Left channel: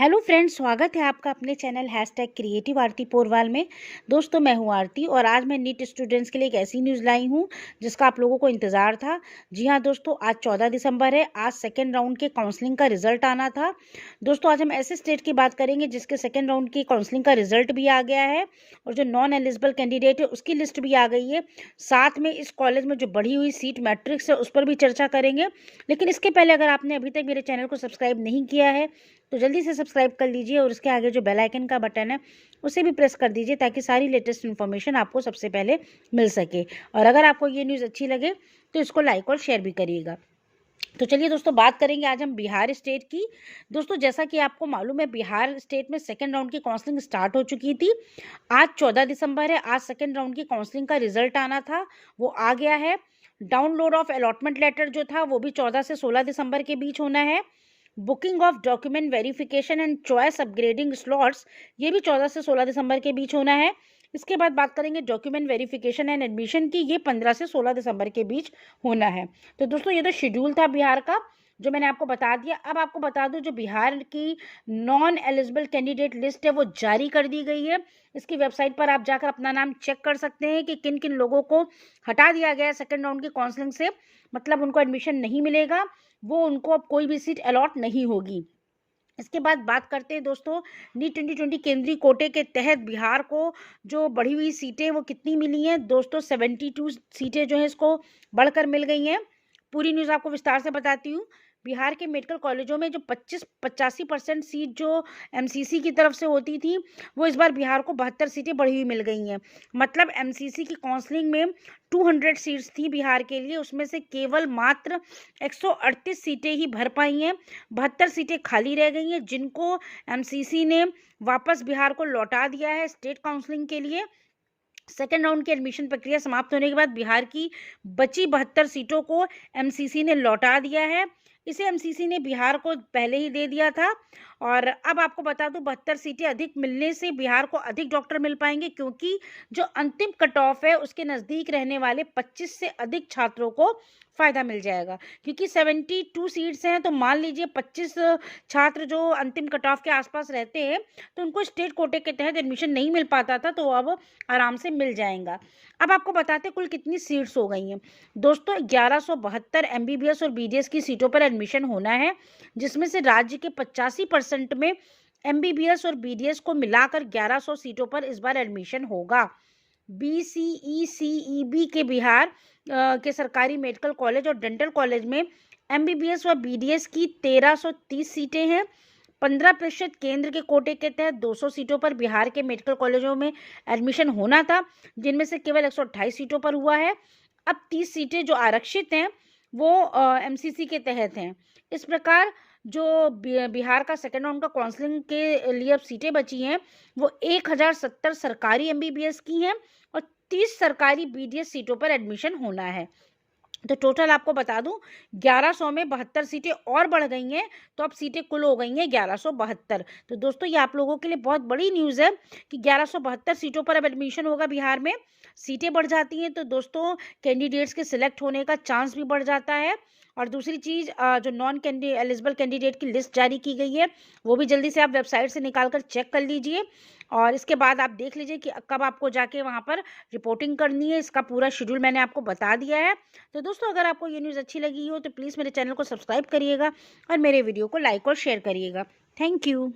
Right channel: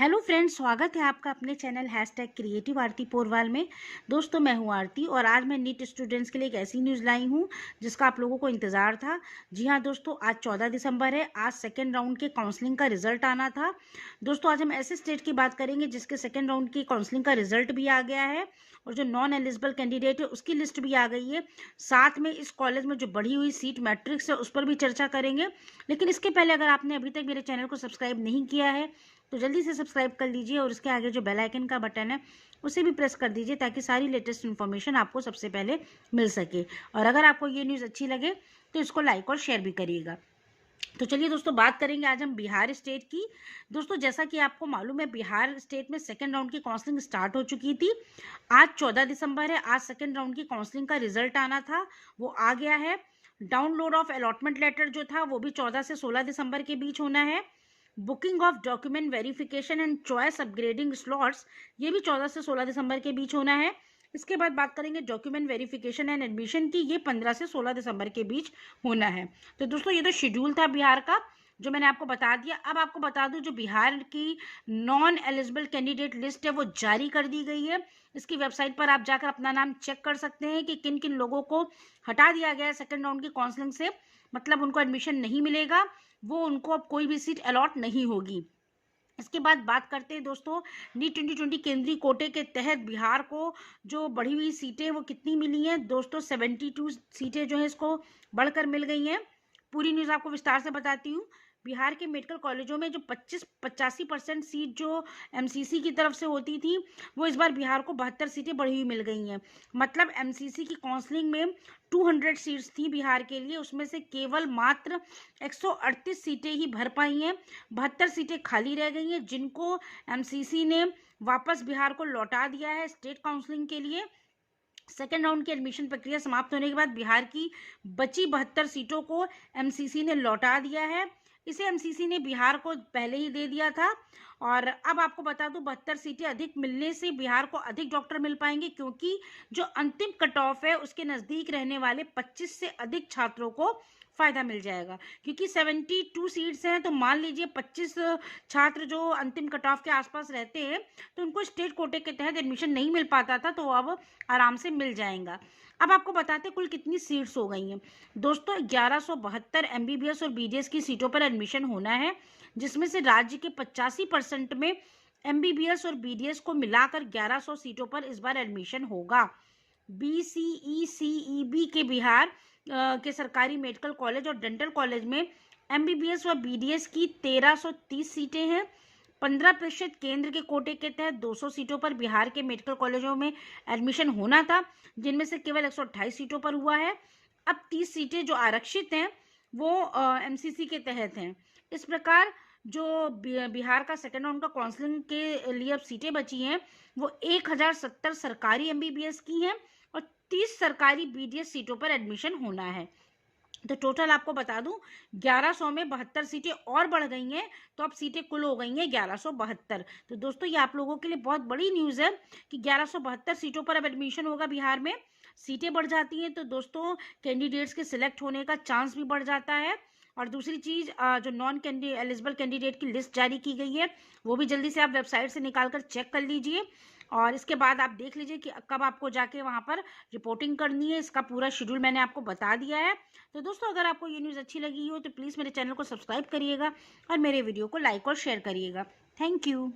Hello friends, स्वागत है आपका अपने चैनल #क्रिएटिव आरती पोरवाल में। दोस्तों, मैं हूं आरती और आज मैं नीट स्टूडेंट्स के लिए एक ऐसी न्यूज़ लाई हूं जिसका आप लोगों को इंतज़ार था। जी हां दोस्तों, आज 14 दिसंबर है। आज सेकेंड राउंड के काउंसलिंग का रिजल्ट आना था। दोस्तों, आज हम ऐसे स्टेट की बात करेंगे जिसके सेकेंड राउंड की काउंसलिंग का रिजल्ट भी आ गया है और जो नॉन एलिजिबल कैंडिडेट है उसकी लिस्ट भी आ गई है। साथ में इस कॉलेज में जो बढ़ी हुई सीट मैट्रिक्स है उस पर भी चर्चा करेंगे। लेकिन इसके पहले अगर आपने अभी तक मेरे चैनल को सब्सक्राइब नहीं किया है तो जल्दी से सब्सक्राइब कर लीजिए और उसके आगे जो बेल आइकन का बटन है उसे भी प्रेस कर दीजिए ताकि सारी लेटेस्ट इन्फॉर्मेशन आपको सबसे पहले मिल सके। और अगर आपको ये न्यूज़ अच्छी लगे तो इसको लाइक और शेयर भी करिएगा। तो चलिए दोस्तों, बात करेंगे आज हम बिहार स्टेट की। दोस्तों, जैसा कि आपको मालूम है, बिहार स्टेट में सेकेंड राउंड की काउंसलिंग स्टार्ट हो चुकी थी। आज 14 दिसंबर है। आज सेकेंड राउंड की काउंसलिंग का रिजल्ट आना था, वो आ गया है। डाउनलोड ऑफ अलॉटमेंट लेटर जो था वो भी 14 से 16 दिसंबर के बीच होना है। Booking of document verification and choice upgrading slots, ये भी 14 से 16 दिसंबर के बीच होना है। इसके बाद बात करेंगे डॉक्यूमेंट वेरिफिकेशन एंड एडमिशन की, ये 15 से 16 दिसंबर के बीच होना है। तो दोस्तों, ये तो शेड्यूल था बिहार का जो मैंने आपको बता दिया। अब आपको बता दूं, जो बिहार की नॉन एलिजिबल कैंडिडेट लिस्ट है वो जारी कर दी गई है। इसकी वेबसाइट पर आप जाकर अपना नाम चेक कर सकते हैं कि किन किन लोगों को हटा दिया गया है सेकेंड राउंड की काउंसलिंग से, मतलब उनको एडमिशन नहीं मिलेगा, वो उनको अब कोई भी सीट अलॉट नहीं होगी। इसके बाद बात करते हैं दोस्तों, नीट 2020 केंद्रीय कोटे के तहत बिहार को जो बढ़ी हुई सीटें वो कितनी मिली हैं। दोस्तों, 72 सीटें जो हैं इसको बढ़कर मिल गई हैं। पूरी न्यूज़ आपको विस्तार से बताती हूँ। बिहार के मेडिकल कॉलेजों में जो 85% सीट जो एमसीसी की तरफ से होती थी, वो इस बार बिहार को 72 सीटें बढ़ी हुई मिल गई हैं। मतलब एमसीसी की काउंसलिंग में 200 सीट्स थी बिहार के लिए, उसमें से केवल मात्र 138 सीटें ही भर पाई हैं। 72 सीटें खाली रह गई हैं जिनको एमसीसी ने वापस बिहार को लौटा दिया है स्टेट काउंसलिंग के लिए। सेकेंड राउंड की एडमिशन प्रक्रिया समाप्त होने के बाद बिहार की बची 72 सीटों को एमसीसी ने लौटा दिया है। इसे एमसीसी ने बिहार को पहले ही दे दिया था। और अब आपको बता दूं, 72 सीटें अधिक मिलने से बिहार को अधिक डॉक्टर मिल पाएंगे, क्योंकि जो अंतिम कट ऑफ है उसके नज़दीक रहने वाले 25 से अधिक छात्रों को फ़ायदा मिल जाएगा। क्योंकि 72 सीट्स हैं तो मान लीजिए 25 छात्र जो अंतिम कट ऑफ के आसपास रहते हैं तो उनको स्टेट कोटे के तहत एडमिशन नहीं मिल पाता था, तो अब आराम से मिल जाएगा। अब आपको बताते कुल कितनी सीट्स हो गई हैं। दोस्तों, 1172 एमबीबीएस और बीडीएस की सीटों पर एडमिशन होना है, जिसमें से राज्य के 85% में एमबीबीएस और बीडीएस को मिलाकर 1100 सीटों पर इस बार एडमिशन होगा। बीसीईसीईबी के बिहार के सरकारी मेडिकल कॉलेज और डेंटल कॉलेज में एमबीबीएस व बीडीएस की 1330 सीटें हैं। 15% केंद्र के कोटे के तहत 200 सीटों पर बिहार के मेडिकल कॉलेजों में एडमिशन होना था, जिनमें से केवल 128 सीटों पर हुआ है। अब 30 सीटें जो आरक्षित हैं वो एमसीसी के तहत हैं। इस प्रकार जो बिहार का सेकेंड राउंड का काउंसलिंग के लिए अब सीटें बची हैं वो 1070 सरकारी एमबीबीएस की हैं और 30 सरकारी बीडीएस सीटों पर एडमिशन होना है। तो टोटल आपको बता दूं, 1100 में 72 सीटें और बढ़ गई हैं, तो अब सीटें कुल हो गई हैं 1172। तो दोस्तों, ये आप लोगों के लिए बहुत बड़ी न्यूज़ है कि 1172 सीटों पर अब एडमिशन होगा बिहार में। सीटें बढ़ जाती हैं तो दोस्तों कैंडिडेट्स के सिलेक्ट होने का चांस भी बढ़ जाता है। और दूसरी चीज़, जो नॉन एलिजिबल कैंडिडेट की लिस्ट जारी की गई है वो भी जल्दी से आप वेबसाइट से निकाल कर चेक कर लीजिए। और इसके बाद आप देख लीजिए कि कब आपको जाके वहाँ पर रिपोर्टिंग करनी है। इसका पूरा शेड्यूल मैंने आपको बता दिया है। तो दोस्तों, अगर आपको ये न्यूज़ अच्छी लगी हो तो प्लीज़ मेरे चैनल को सब्सक्राइब करिएगा और मेरे वीडियो को लाइक और शेयर करिएगा। Thank you.